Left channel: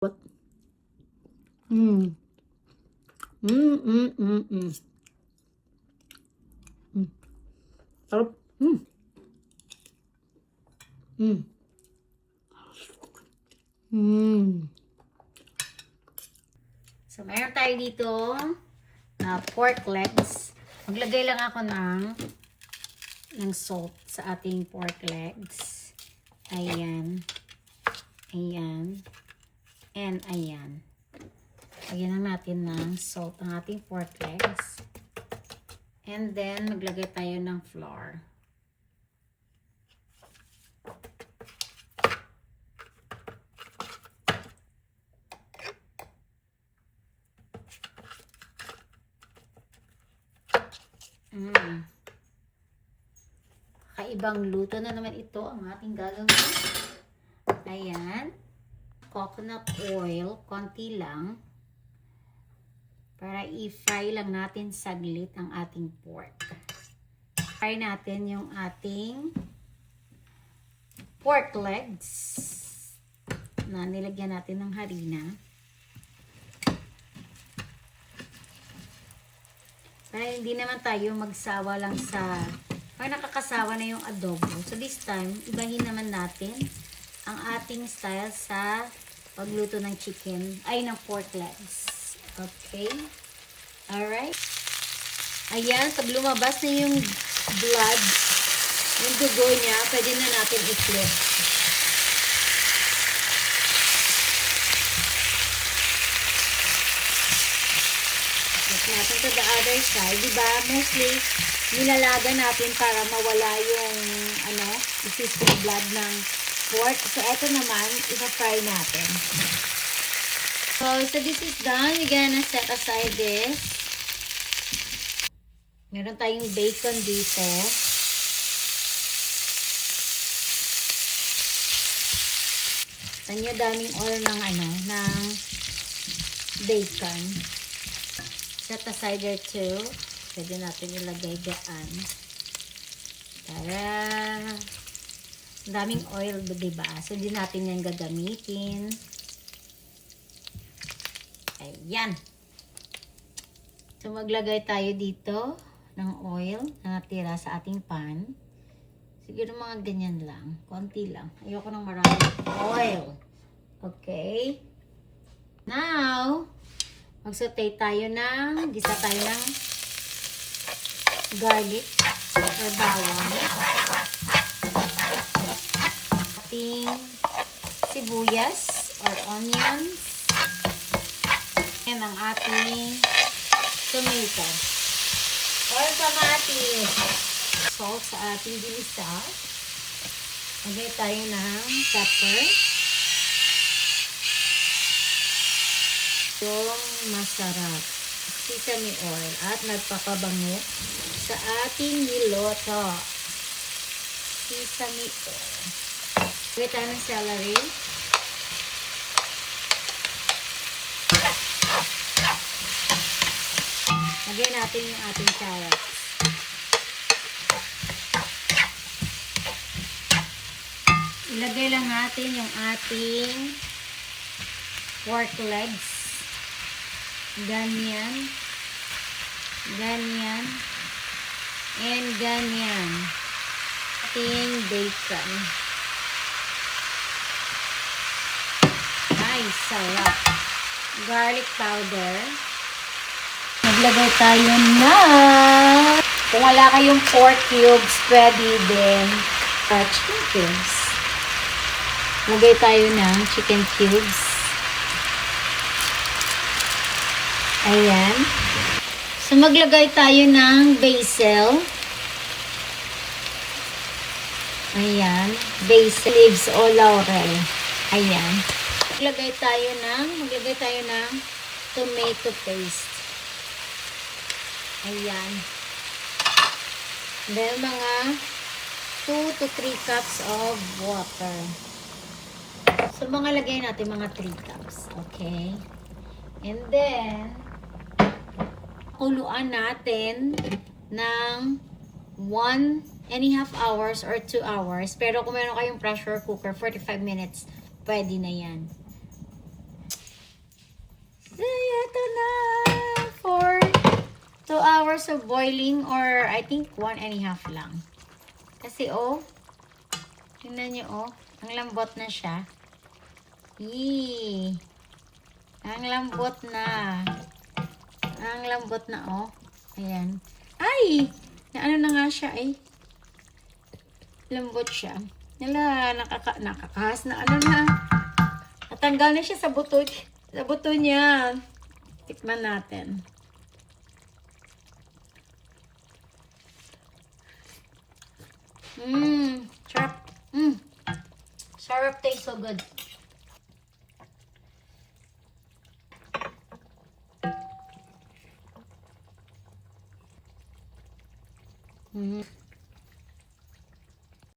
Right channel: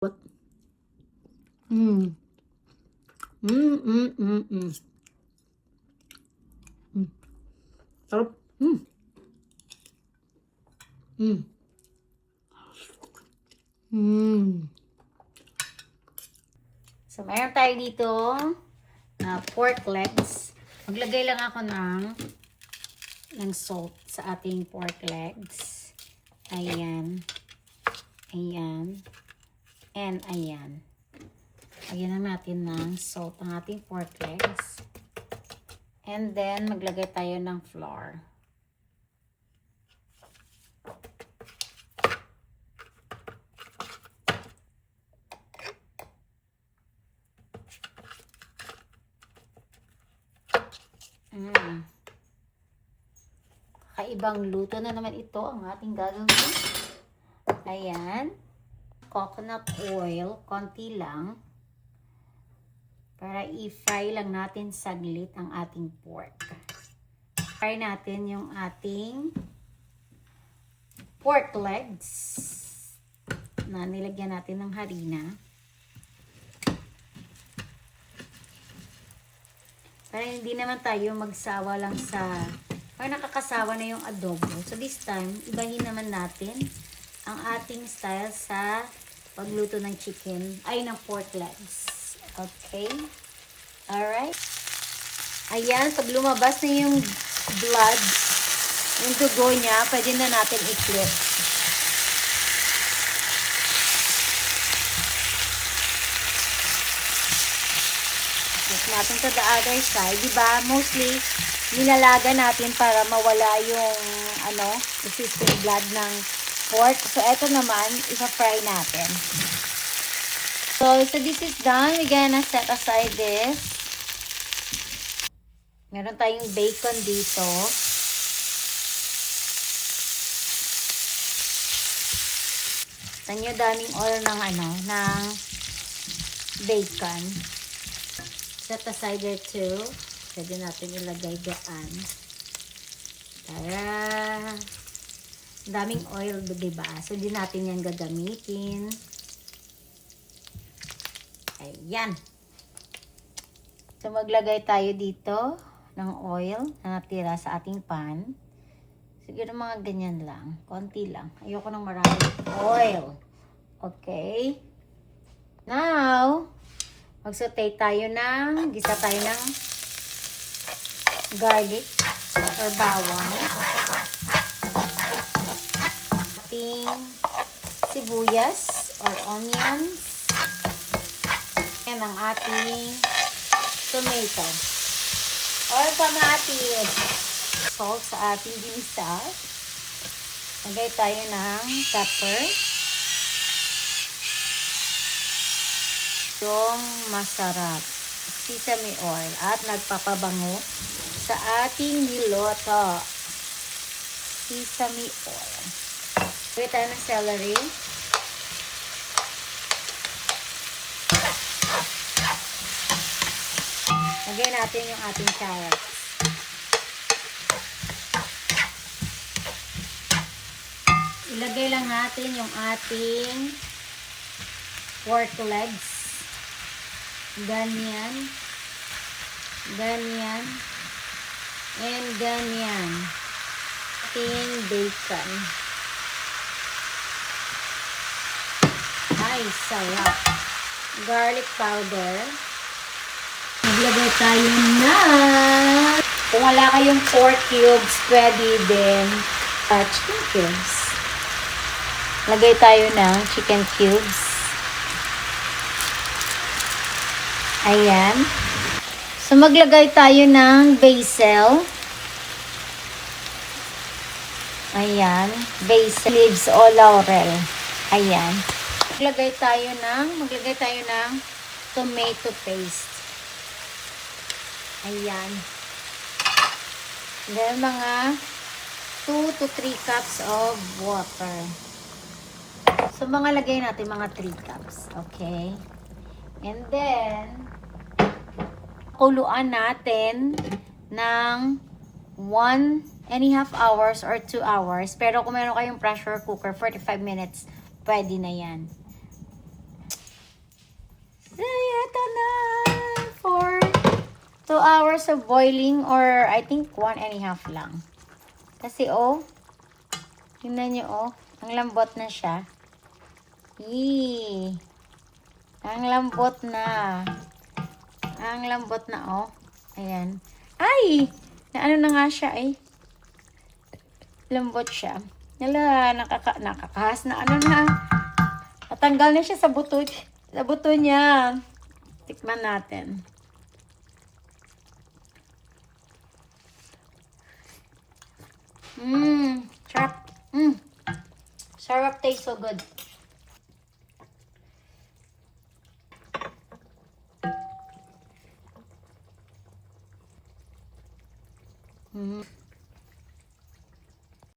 What? Mm. Mm, mm, mm, mm. Mm. Sarap. Mm. Mm. Mm. So, mayroon tayo dito na pork legs. Maglagay lang ako ng salt sa ating pork legs. Ayan. Ayan. And ayan. Lagyan na natin ng salt ang ating pork legs. And then, maglagay tayo ng flour. Kaibang luto na naman ito ang ating gagawin. Ayan. Coconut oil, konti lang. Para i-fry lang natin saglit ang ating pork. Fry natin yung ating pork legs na nilagyan natin ng harina. Para hindi naman tayo magsawa lang sa, para nakakasawa na yung adobo. So this time, ibahin naman natin ang ating style sa pagluto ng chicken, ay ng pork legs. Okay? Alright? Ayan, pag lumabas na yung blood, yung dugo niya, pwede na natin i-flip. Natin sa the other side, diba? Mostly, nilalaga natin para mawala yung, existing blood ng pork. So, eto naman, ipa-fry natin. So this is done. We're gonna set aside this. Meron tayong bacon dito. Tanyo daming oil ng ng bacon. Set aside there too. Pwede natin ilagay dyan. Tara! Daming oil, diba? So, di natin yan gagamitin. Ayan. So, maglagay tayo dito ng oil na natira sa ating pan. Siguro mga ganyan lang. Konti lang. Ayoko ng maraming oil. Okay. Now, mag-saute tayo gisa tayo ng garlic or bawang. Ating sibuyas or onions. And ang ating tomato or kamatis. Salt sa ating ginisa. Lagay tayo ng pepper. Yung masarap sesame oil at nagpapabango sa ating niluto. Sesame oil. Lagay tayo ng celery. Lagay natin yung ating carrots. Ilagay lang natin yung ating pork legs. Ganyan. Ganyan. And ganyan. Ating bacon. Ay, sarap. Garlic powder. Maglagay tayo na. Kung wala kayong pork cubes, pwede din chicken cubes. Lagay tayo ng chicken cubes. Ayan. So, maglagay tayo ng basil. Ayan. Basil leaves o laurel. Ayan. Maglagay tayo ng tomato paste. Ayan. Then, mga 2 to 3 cups of water. So, lagay natin mga 3 cups. Okay. And then, kuluan natin ng 1.5 hours or 2 hours. Pero kung meron kayong pressure cooker, 45 minutes, pwede na yan. 2 hours of boiling or I think 1.5 lang. Kasi tingnan nyo ang lambot na siya. Yee! Ang lambot na. Ang lambot na Ayan. Ay! Naano na nga siya lambot siya. Nala, nakakahas na na. Natanggal na siya sa buto. Sa buto niya. Tikman natin. Sarap. Sarap, taste so good.